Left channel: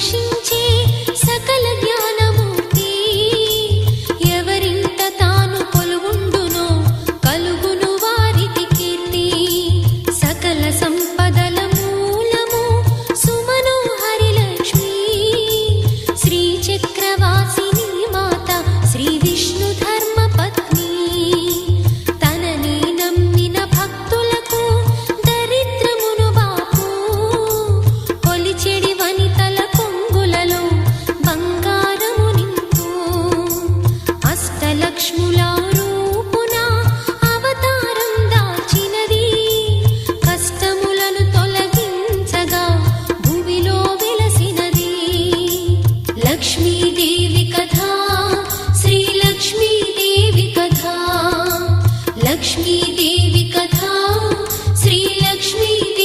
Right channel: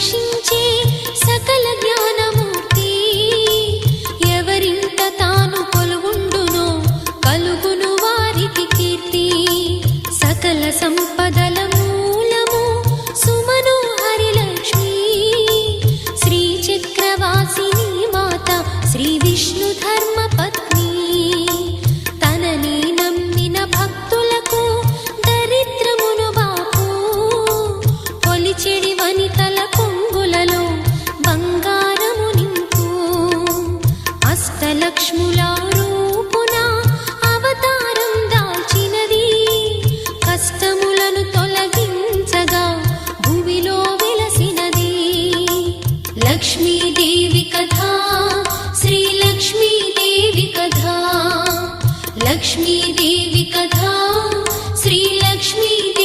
రక్షించే సకల జ్ఞానమూర్తి. ఎవరింట తాను కొలువుండునో కలుగును వారికి కీర్తి. సకల సంపదల మూలము సుమనోహరి లక్ష్మి. శ్రీ చక్రవాసిని మాత శ్రీ విష్ణు ధర్మ పత్ని. తనని నమ్మిన భక్తులకు దరిద్రమును బాపు. కొలిచెడి వనితల కొంగులలో బంగారము నింపు. అష్టలక్ష్ముల రూపున అవతారం దాల్చినది. కష్టములను తొలగించగా భూమిలో వెలసినది. లక్ష్మీదేవి కథ శ్రీ లక్ష్మీదేవి కథ. లక్ష్మీదేవి కథ శ్రీ లక్ష్మీ